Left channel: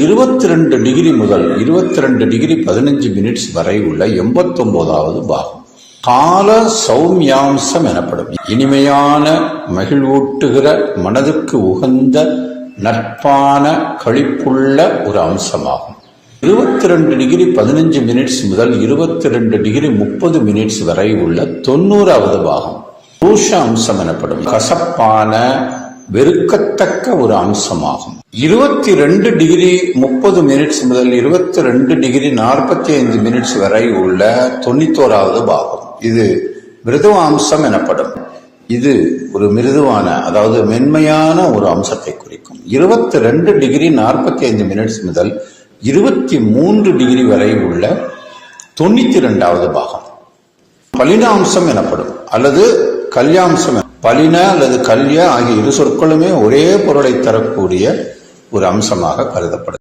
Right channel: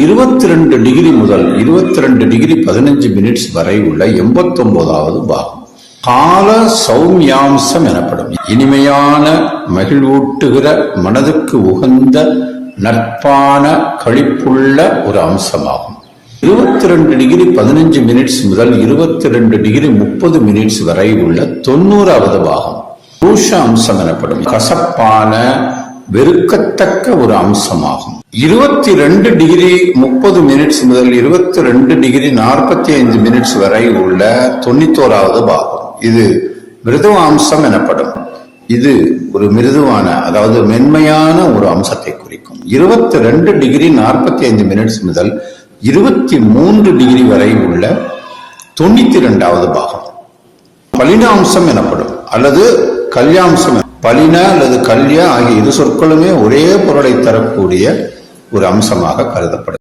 இருபத்தி ரெண்டு டிகிரி முதல் இருபத்தி ரெண்டு டிகிரி பதினஞ்சு மினிட்ஸ் வரை உள்ள எண்பத்தி ஒன்பதாவது பாகம். கால சௌமியாம்சம் எனப்படும். இனிமையான மகிழ்வூட்டுகிற மனதுக்கு உகந்த நட்பான கழிப்புள்ள ஒரு அம்சமாகும். இருபத்தி ரெண்டு டிகிரி பதினஞ்சு மினிட்ஸ் முதல் இருபத்தி ரெண்டு டிகிரி முப்பது மினிட்ஸ் வரை உள்ள தொண்ணூறாவது பாகம். ரூஷ அம்சம் எனப்படும். கசப்பான வெறுக்கத்தக்க ஒரு அம்சமாகும். இருபத்தி ரெண்டு டிகிரி முப்பது மினிட்ஸ் முதல் இருபத்தி ரெண்டு டிகிரி நாற்பத்தி ஐந்து மினிட்ஸ் வரை உள்ள தொண்ணூத்தோராவது பாகம். இது மிருதுவாம்சம் எனப்படும். இது ஒரு மிருதுவான அதாவது மென்மையான ஒரு அம்சத்தை குறிக்கும். இருபத்தி ரெண்டு டிகிரி நாற்பத்தி ஐந்து மினிட்ஸ் முதல் இருபத்தி மூன்று டிகிரி வரை உள்ள தொண்ணூத்தி இரண்டாவது பாகம். பலினாம்சம் எனப்படும் அல்லது கல்யாம்சம் பலினா அல்லது கல்யா ஆகிய இரு சொற்களுமே ஒரே பொருளை தரக்கூடிய ஒரு அம்சமாக கருதப்படும்.